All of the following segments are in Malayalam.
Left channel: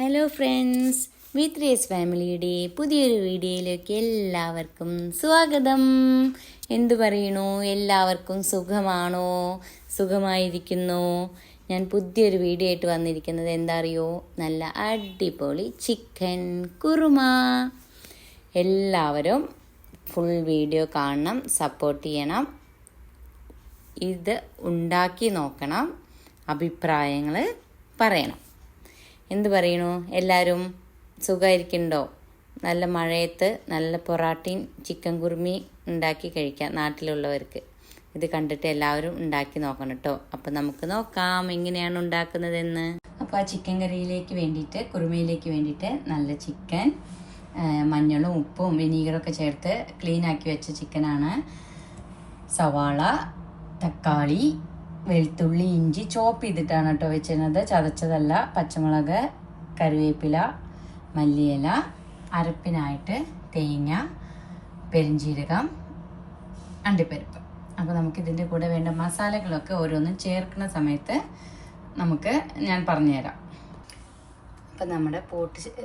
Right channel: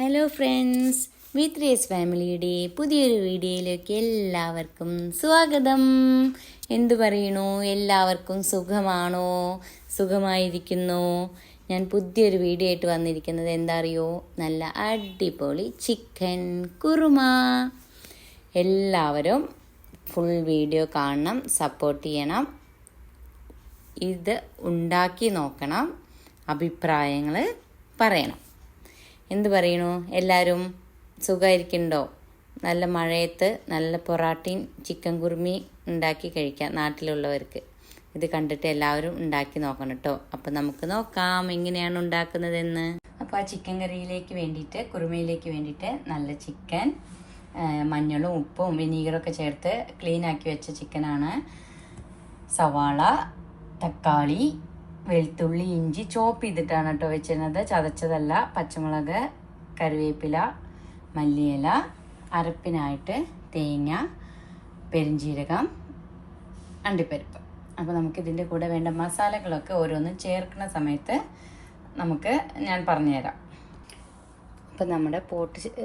ഹലോ ഫ്രണ്ട്സ്, V3S ഫാമിലിയുടെ പുതിയൊരു വീഡിയോയിലേക്ക് എല്ലാവർക്കും സ്വാഗതം. എന്തു പറയണു? എല്ലാവർക്കും സുഖമാണോ? സുഖമായിരിക്കുന്നു. ഞാൻ പുതിയൊരു വീഡിയോ ആയിട്ട് വന്നിരിക്കുന്നത് എന്താ അറിയോ? നല്ല അടിപൊളി ചിക്കൻ കുറുമ. എല്ലാവരും ഫുൾ വീഡിയോ കാണണം, സപ്പോർട്ട് ചെയ്യണം. ഇത് ഉണ്ടാക്കി നോക്കണം, അഭിപ്രായങ്ങൾ പറയണം. എന്ത് പറയണു? എല്ലാവരും സുഖമായിരിക്കുന്നുണ്ടോ? നല്ല മഴയത്ത് നല്ല പൊറാട്ടയും ചിക്കൻ കുറുമി ഉണ്ടാക്കി കഴിക്കാം നാട്ടിലുള്ളവർക്ക്. ഇത് കണ്ടിട്ട് എല്ലാവരും ഉണ്ടാക്കി നോക്കണം കേട്ടോ. അപ്പം നമുക്ക് നോക്കാം എങ്ങനെയാണ് ഉണ്ടാക്കുന്നതെന്ന്. അപ്പോൾ ആ ചിക്കൻ കറിയിലേക്ക് വേണ്ടിയിട്ട്, കുറുമയിലേക്ക് വേണ്ടിയിട്ട് നല്ല ചിക്കൻ, മഞ്ഞളും ഉപ്പും വിനീഗറൊക്കെ ചേർത്ത് ക്ലീൻ ആക്കി വെച്ച ചിക്കനാണ്. സവാള, തക്കാളി, വെളുത്തുള്ളി, ഇഞ്ചി ചോപ്പ് ചെയ്തിട്ടാണ് കേട്ടോ വെച്ചിരുന്നത്, ചതച്ചതല്ല. പച്ചമുളക്, കറിവേപ്പില, മല്ലിയില, അരപ്പിനായിട്ട് തേങ്ങ, പെരിഞ്ചീരകം, അണ്ടിപ്പരിപ്പ്. അപ്പോൾ നമുക്കിതിൻ്റെ കൂടെ വേണ്ട മസാലകളൊക്കെ ഓരോന്നും ചേർക്കുന്ന സമയത്ത് ഞാൻ പറഞ്ഞുതരാം. അപ്പം നമ്മുടെ പോട്ട്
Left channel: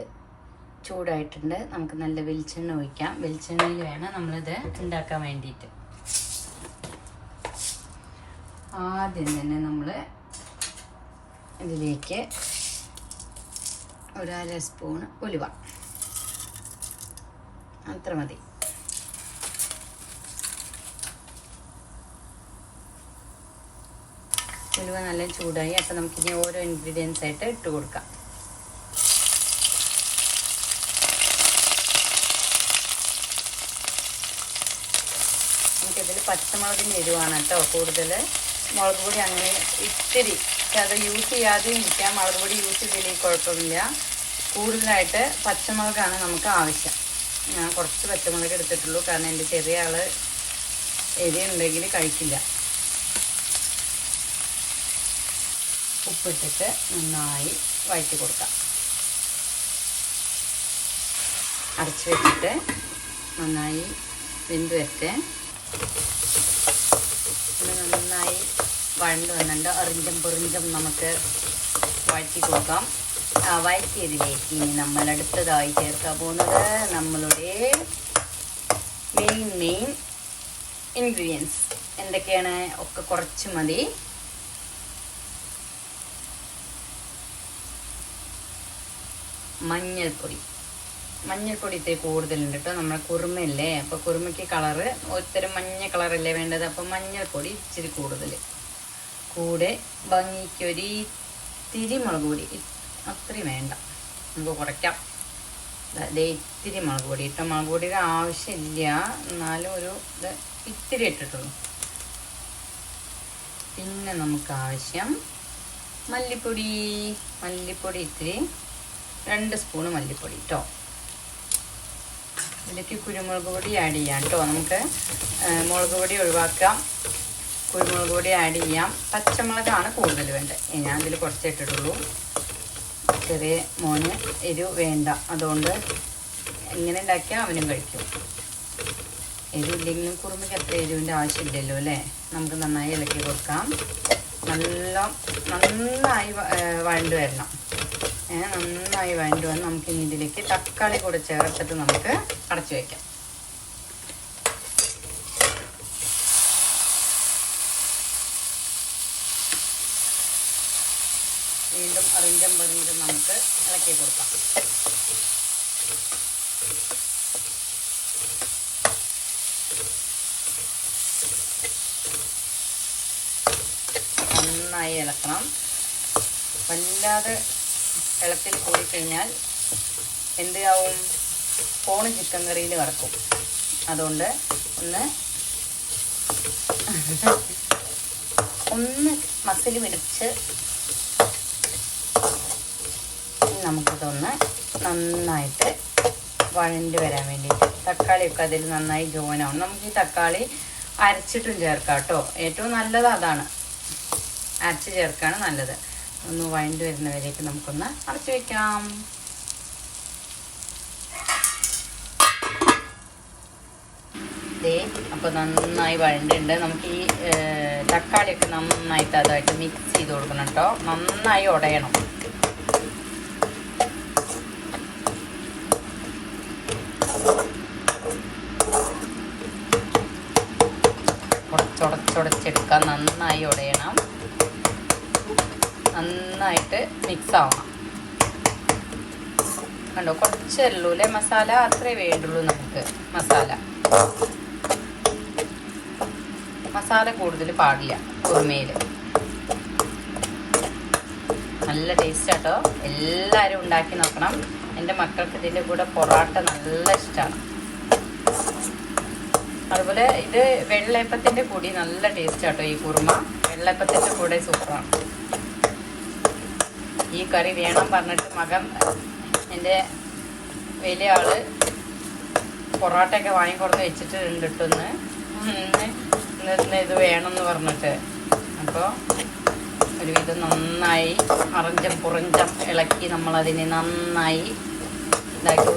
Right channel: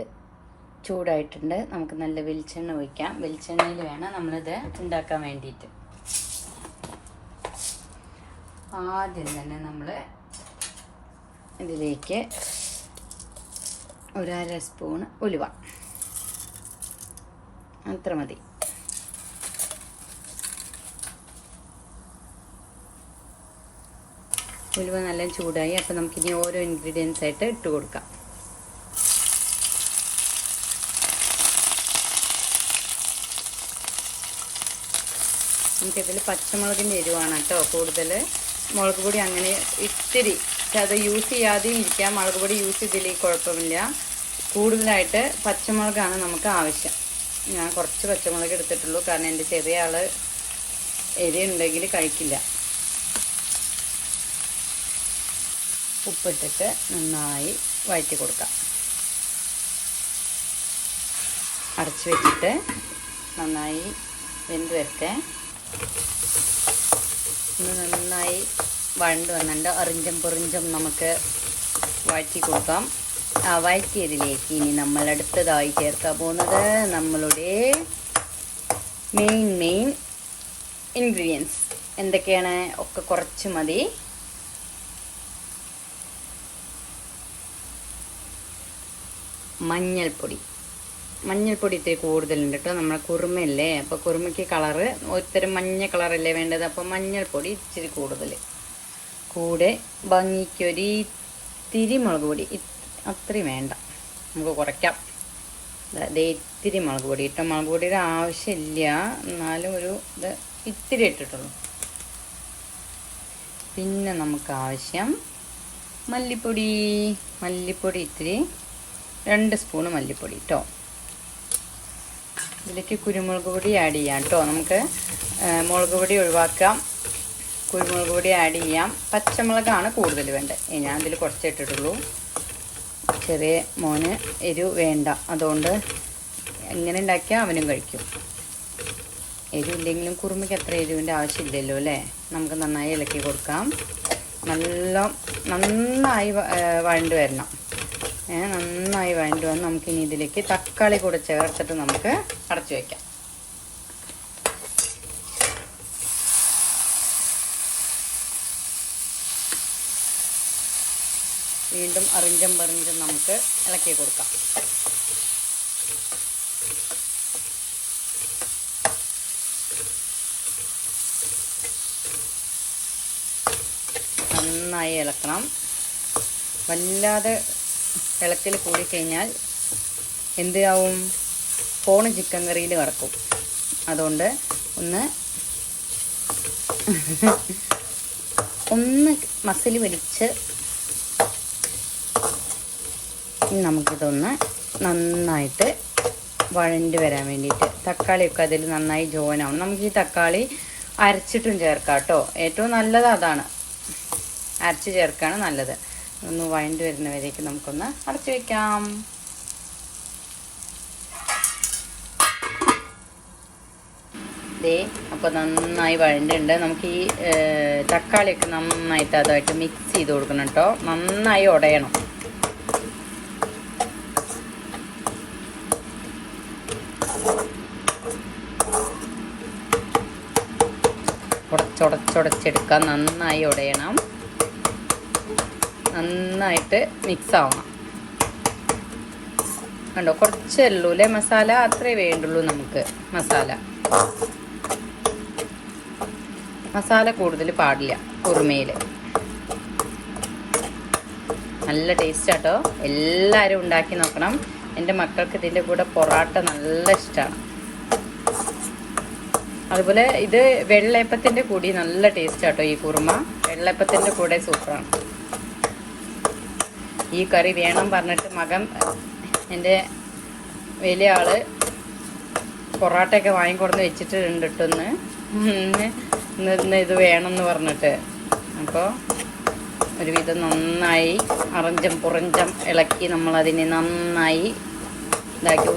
ചൂടായിട്ടുണ്ട്. നമുക്ക് നല്ല വെളിച്ചെണ്ണ ഒഴിക്കാം. വെളിച്ചെണ്ണയിൽ വേണം നമ്മളിത് ഉണ്ടാക്കാൻ വേണ്ടിയിട്ട്. ആദ്യം തന്നെ നമ്മൾ ഇതിലേക്ക് ഒരു അര സ്പൂൺ ഉലുവ, അത്ര മതി. ഉലുവ നല്ല ചൂടായി. അപ്പം നമുക്കിനി ഓരോ ഇൻഗ്രീഡിയൻസ് ആയിട്ട് ഇട്ട് കൊടുക്കാം. നമുക്കിതിൽ പച്ചമുളകിൻ്റെ എരിവാണ് കേട്ടോ കൂടുതൽ. മുളക് പൊടി അങ്ങനെ ഇത്തിരി അത് യൂസ് ചെയ്യാതെയും ഇരിക്കാം. മുളക് പൊടി യൂസ് ചെയ്തില്ലെങ്കിൽ കുഴപ്പമില്ല. കൂടുതലായിട്ട് പച്ചമുളകാണ് നമുക്ക് ആവശ്യം. ഞാൻ കുറച്ച് പച്ചമുളക് എടുത്തിട്ടുള്ളൂ, കാരണം എൻ്റെ ചെറിയ ആൾ എരി ഉണ്ടെങ്കിൽ കഴിക്കില്ല. ഉപ്പിട്ടിട്ട് നന്നായി വഴറ്റി കൊടുക്കാം. അടച്ചു വെച്ചിട്ട് നന്നായി വെന്ത് വെച്ച് നന്നായി വഴണ്ട് വന്നുണ്ട്. അറിഞ്ചം നമുക്ക് വഴറ്റി കൊടുക്കാം. വഴറ്റിയതിലേക്ക് ഇനി നമ്മൾ അടുത്തതായി ചേർക്കാൻ പോകുന്നത് നമ്മളുടെ മെയിൻ ഇൻഗ്രീഡിയൻസ് എന്തൊക്കെയാണ്? ഒക്കെ കുറച്ച് മതി. മഞ്ഞൾപ്പൊടി ഇത്തിരി കൂടുതലുണ്ട് കേട്ടോ. നമ്മളെ കുറുമയല്ലേ, അപ്പോൾ കുറുമയ്ക്ക് കളറ് ഒരുത്തരം മഞ്ഞ കളറല്ലേ വേണ്ടത്. അപ്പോൾ മഞ്ഞൾപ്പൊടി ഇച്ചിരി കൂടുതൽ. കൂടെ ഭംഗിക്കൊരു ഇത്തിരി മുളക് പൊടി, അത്രയും വേണ്ട, നമുക്ക് കുറയ്ക്കാം. അതേ ഇത്തിരി മുളക് പൊടി ഇട്ടോ. മുളക് പൊടിയുടെ ആവശ്യമില്ല, എന്നാലും ഒരു ഇത് ഇത്തിരി ഇട്ടിട്ടുള്ളൂ. പിന്നെ നമുക്ക് ആവശ്യം മല്ലിപ്പൊടി ഇത്തിരി, 2 സ്പൂണ് മല്ലിപ്പൊടി കേട്ടോ. ഇതിലേക്ക് കുരുമുളക് പൊടി ആഡ് ചെയ്യാം കേട്ടോ. നമുക്ക് മുളക് പൊടി ഒഴിവാക്കാം, കുരുമുളക് പൊടി ആഡ് ചെയ്യാം. പച്ചമുളകാണ് കൂടുതൽ വേണ്ടത്. ഞാൻ അതിൽ കുറച്ച് ഇട്ടിട്ടുള്ളൂ. ചെറിയ മോന് എരിവ് വേണ്ട, അതുകൊണ്ട് എങ്ങനെ ഉണ്ടാക്കിയാൽ അവനും കഴിക്കും. എരിവില്ലെങ്കിലും കുറുമയ്ക്ക് അത്ര എരിവിൻ്റെ ആവശ്യമില്ലല്ലോ അല്ലേ. നമുക്ക് നന്നായി ഇളക്കി കൊടുക്കാം. നന്നായി വഴണ്ട് വരണം. നന്നായി വഴണ്ട് വന്ന് നമുക്കിനി ഇതിലേക്ക് തക്കാളി കൂടെ ചേർത്തിട്ട് നമുക്ക് അടച്ചു വയ്ക്കാം. വീണ്ടും അറിഞ്ചം നമുക്ക് ഇളക്കി കൊടുക്കാം. നന്നായി ഇളക്കണം. വല്ലാതെ വെള്ളത്തിൽ കൂടിക്കഴിഞ്ഞാൽ എന്താവും? ഫോണ് ചിക്കൻ കറിയിൽ വറക്കും. അതുകൊണ്ട് ഒന്ന് മസിൽ പിടിച്ച് നമുക്കിതൊന്ന് നന്നായിട്ട് വഴണ്ട് വരാൻ വേണ്ടിയിട്ട് തക്കാളിയൊക്കെ അതിൽ നന്നായി ജോയിൻ ആവും. നമുക്ക് ഈ തക്കാളി അരച്ചിട്ടും ചേർക്കാം കേട്ടോ. ഏറ്റവും നല്ലത് അതാണ്, അരച്ച് ചേർക്കാണ് നല്ലത്. ഒന്ന് വഴണ്ട് വരുന്നവരേക്ക് നമുക്കൊന്ന് അടച്ചു വെക്കാം. അപ്പോൾ നന്നായി വഴണ്ടുണ്ട്. നമുക്ക് ഈ തക്കാളിയൊക്കെ നന്നായിട്ട് അതായിട്ട് മിക്സ് ചെയ്ത് കൊടുക്കണം കേട്ടോ. നന്നായി ഉടയണം. ഉടച്ചെടുക്കാം. നന്നായി ഉടയണം, നന്നായിട്ട് മിക്സ് ആവണം. കണ്ടോ, കുറച്ചല്ലേ മസാല, അത്രേ വേണ്ടുള്ളൂ നമുക്ക്. മസാല കൂടുതൽ പാടില്ല കുറുമയിൽ. നല്ല ടേസ്റ്റ് കേട്ടോ. എല്ലാവരും ഉണ്ടാക്കി നോക്കണം. എൻ്റെ മക്കൾക്ക് ഇതിൻ്റെ കൂടെ പൊറാട്ട നല്ല ഇഷ്ടമാണ്. അതുപോലെ ഇത് വെള്ളയപ്പത്തിൻ്റെ കൂടി നല്ല ടേസ്റ്റ് കേട്ടോ. ഈ കുറുമ വെള്ളയപ്പത്തിൻ്റെ കൂടെ സൂപ്പറാണ്. ഈ കറി വേണം പറഞ്ഞിട്ട് മകൻ, എൻ്റെ വലിയ ആള്, പൊറോട്ടയൊക്കെ വാങ്ങിക്കൊടുന്ന് വെച്ചിട്ടുണ്ട് ഇട്ടൊന്ന് ഇന്ന് ഇത് വേണമെന്ന് പറഞ്ഞിട്ട്. അപ്പോൾ ഒരുവിധം നന്നായി അറഞ്ചം പുറഞ്ചം ഇളക്കി നമ്മളതിനെ നന്നായി ഇതാക്കി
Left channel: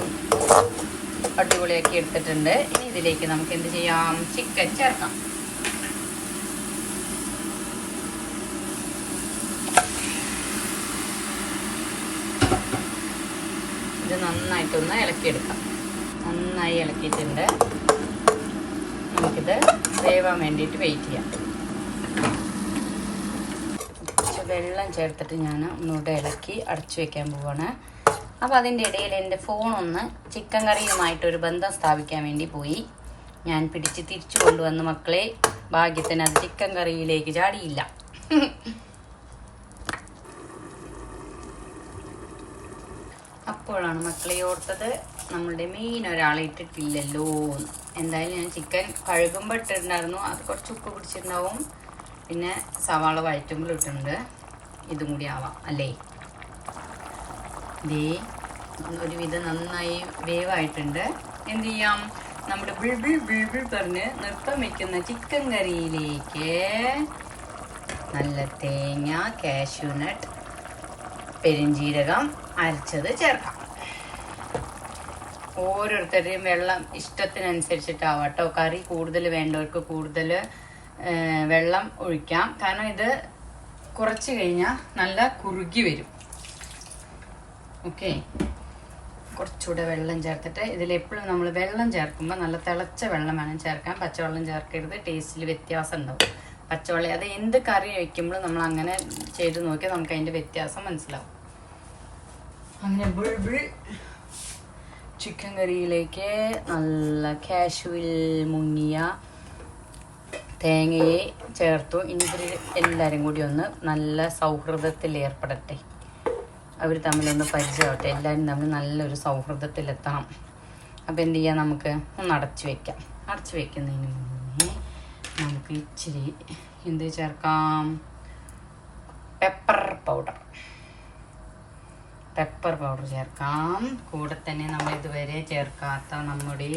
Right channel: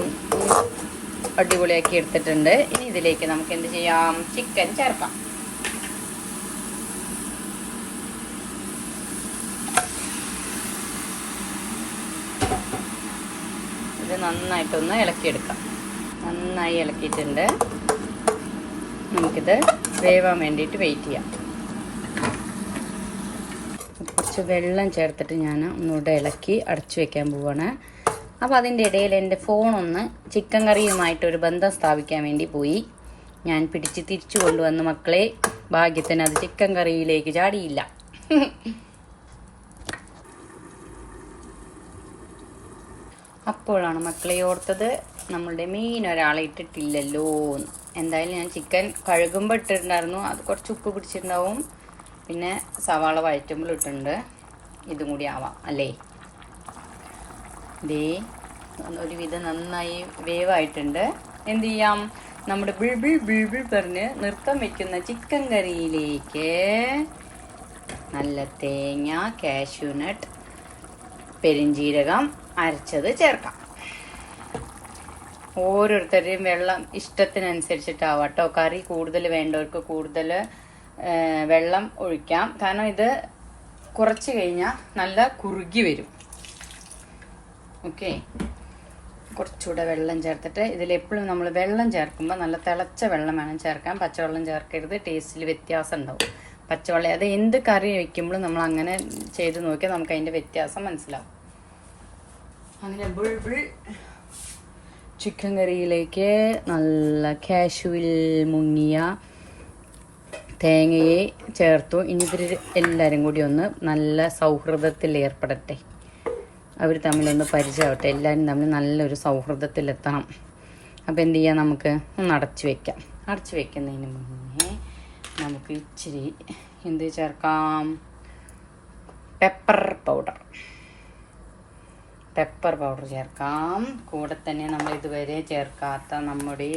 അടിപൊളിയാക്കി എടുത്തിട്ടുണ്ട്. ഇനി ഇതിലേക്ക് നമുക്ക് എന്ത് ചെയ്യാം, ചിക്കൻ ചേർക്കാം. ഇത് നന്നായിട്ടൊന്ന് ഇളക്കിയെടുക്കാം. നന്നായി ഇളക്കിയിട്ടുണ്ട്. നമുക്കിത് വേവാൻ വേണ്ടിയിട്ട് വെയിറ്റ് ചെയ്യാം. കുറച്ച് വെള്ളം ചേർത്തിട്ട് ഞാൻ ഒന്നുകൂടെ ഇളക്കി അടച്ചു വെക്കാൻ പോവാണ്. അപ്പോൾ അതിൻ്റെ ഇടയിൽ എൻ്റെ ഫോണൊന്ന് ചിക്കൻ കറിയുമായിട്ടൊരു ബന്ധം സ്ഥാപിക്കാൻ വേണ്ടി പോയി. ഞാൻ പിടിച്ച് തിരിച്ചു കൊണ്ടുവന്ന് മക്കളെ, ഭാഗ്യത്തിന് അത് ചിക്കൻ കറിയിലേക്ക് ചാടിയില്ല. അപ്പോഴാണ് മക്കളെ ഓർത്തത്, നമ്മളുടെ മീൻ ഒരാളെ ഇട്ടിട്ടില്ലല്ലോ. എന്തായാലും ഞാൻ ചിക്കൻ കഴുകുമ്പോൾ ഇട്ടിട്ടുണ്ടായിരുന്നു, അത് കുറച്ച് ഉപ്പ് പിടിച്ചിട്ടുണ്ടാവും. പിന്നെ സവാള വഴറ്റുമ്പോൾ ഇട്ടിട്ടുണ്ട്. ഇതും കൂടി ആവാം അല്ലേ. ഒരുവിധം നന്നായി വേവായിട്ടുണ്ട്. എന്ത് ചെയ്യാം, നമ്മുടെ ബിൾബിൾ പറഞ്ഞ് നൃത്തം വയ്ക്കുന്ന ചിക്കൻ കറിയിലേക്ക് നല്ല തേങ്ങ, കാഷ്യൂനട്ട്, പെരിഞ്ജീരകം അരച്ചത് ചേർക്കാം. ഓരോരുത്തരുടെയും വെള്ളം ഇഷ്ടത്തിനനുസരിച്ചിട്ടാവാട്ടോ. കറി കൂടുതൽ വേണ്ടവർക്ക് കൂടുതൽ വെള്ളം ഒഴിക്കാം. കാരണം ഇത് കുറച്ച് കഴിഞ്ഞാൽ നല്ല കുറുകി വരും. ഓക്കെ, കുറച്ചുകൂടെ വെള്ളം ചേർത്തിട്ട്, ഇതിലെപ്പോഴും നമ്മൾ വെള്ളം ചേർക്കുമ്പോൾ നല്ല തിളച്ച വെള്ളം വേണം ചേർക്കാൻ. പച്ചവെള്ളം ചേർക്കരുത്, ടേസ്റ്റിൽ വ്യത്യാസം ഉണ്ടാവും. പച്ചവെള്ളം, അത് എന്ത് കറി വയ്ക്കുമ്പോഴും നമ്മൾ അങ്ങനെ ചെയ്ത് നോക്കിയാൽ നമുക്ക് അതിൻ്റെ വ്യത്യാസം മനസ്സിലാവും. അങ്ങനെ ബിൾബിൾ ചിക്കൻ കറിയിലേക്ക് നല്ല കാഷ്യൂവിൽ മുങ്ങിയ തേങ്ങയെ ചേർത്തു. ഇനി ഇവർ എല്ലാവരും കൂടി ഒന്ന് നല്ല സൗഹൃദത്തിൽ ഏർപ്പെടട്ടെ. അവർ തമ്മിലൊന്ന് പരിചയമാവട്ടെ. എല്ലാവരും തമ്മിൽ നല്ലൊരു സൗഹൃദത്തിലെത്തണം. അപ്പോൾ എന്ത് ചെയ്യാം, നമുക്ക് ഒന്ന് അടച്ചു വയ്ക്കാം. അടച്ചു വയ്ക്കുന്നതിന് മുന്നേ നമുക്ക് ഇച്ചിരി എന്ത് ചേർക്കാം, പെപ്പർ പൗഡർ ചേർക്കാം. കൂടെ തന്നെ നമ്മൾ ഇതുവരെ ചേർക്കാത്ത നമ്മുടെ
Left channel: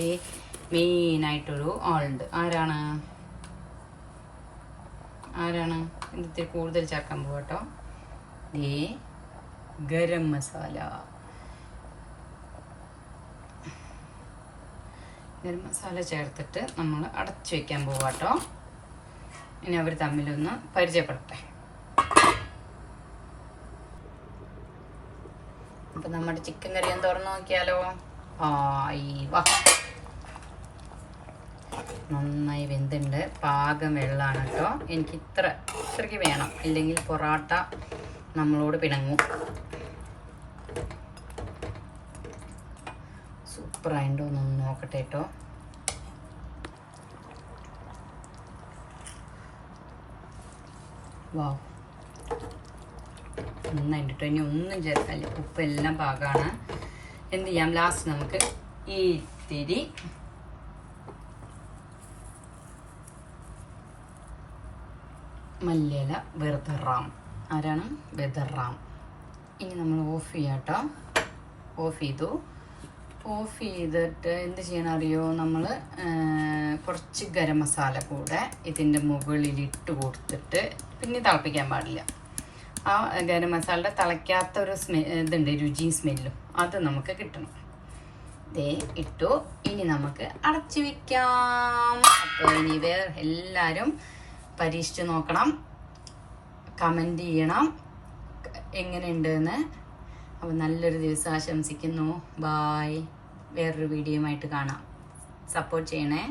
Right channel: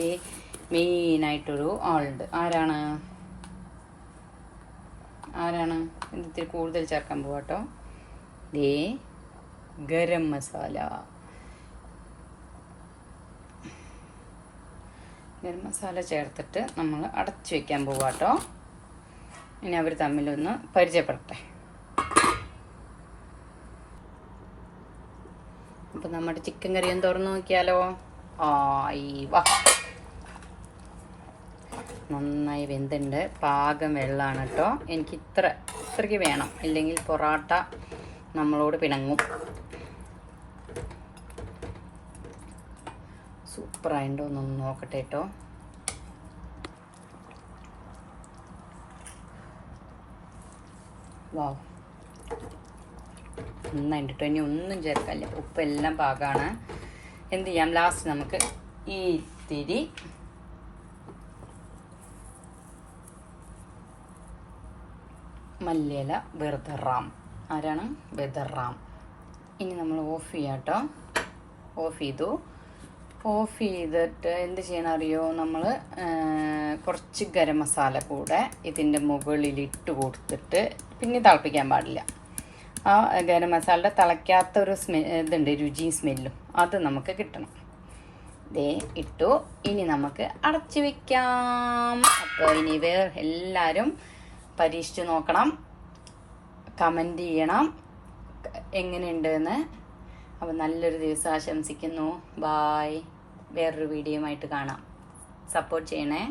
മെയിനായിട്ടൊരു ആളുണ്ട്. ആരാണ് ഇതിൽ കൂടുതൽ ചേർക്കാൻ പോവാട്ടോ. ഗരം മസാല ചേർത്തിട്ട് നമ്മൾ അടച്ചു വെക്കാൻ പോവാട്ടോ. ഇനി അവർ തമ്മിലൊന്ന് പരിചയപ്പെടട്ടെ. അപ്പം നമ്മുടെ ചിക്കൻ കറി ഒന്ന് തുറന്നു നോക്കിയാലോ. നന്നായി വെന്തുണ്ട്. പാകം വെള്ളമാണ് കേട്ടോ. എനിക്ക് ഇത്രയ്ക്ക് വേണം, ഇല്ലെങ്കിൽ പൊറാട്ട നമ്മളോട് പിണങ്ങും. സൂപ്പറായിട്ടോ, ഒന്ന് നോക്കട്ടെ കേട്ടോ. വാവ്, നന്നായിട്ട് കേട്ടോ. ഇനി ഒന്നും ചേർക്കാനില്ല, ഉപ്പെല്ലാം പാകമാണ്. എന്ത് ചെയ്യാം, ലാസ്റ്റ് നമുക്ക് ഈ തിരി മല്ലിയില, ബെർദറാം. ആരാണ്? ബെർദറാം. ഇനി നമ്മൾ ഓഫ് ചെയ്യാം കേട്ടോ. ഓഫ് ചെയ്തിട്ട് എന്ത് ചെയ്യണം അറിയോ, നമ്മൾ കുറച്ച് ഗരം മസാല കൂടെ ഇതിൻ്റെ മുകളിലിട്ട് കൊടുത്തിട്ട് പിന്നെ തിളപ്പിക്കാൻ പാടില്ല. ആ ഗരം മസാലയുടെ തിളയ്ക്കാത്ത ഒരു ഇതുണ്ട്, രുചിയും സ്മെല്ലും, അത് നമുക്ക് കിട്ടണം. ഇട്ടു. ഇനി നമുക്ക് അടച്ചു വയ്ക്കാം. അപ്പോൾ ഇനി എല്ലാവരും പരീക്ഷിച്ച് നോക്കണം, കമൻറ്റ് ചെയ്യണം എങ്ങനെയുണ്ടെന്ന്. അപ്പോൾ നല്ലൊരു ദിവസം ആശംസിക്കുന്നു. ബായ്. വേറൊരു വീഡിയോയുമായിട്ട് കാണാം. സപ്പോർട്ട് ചെയ്യണേ.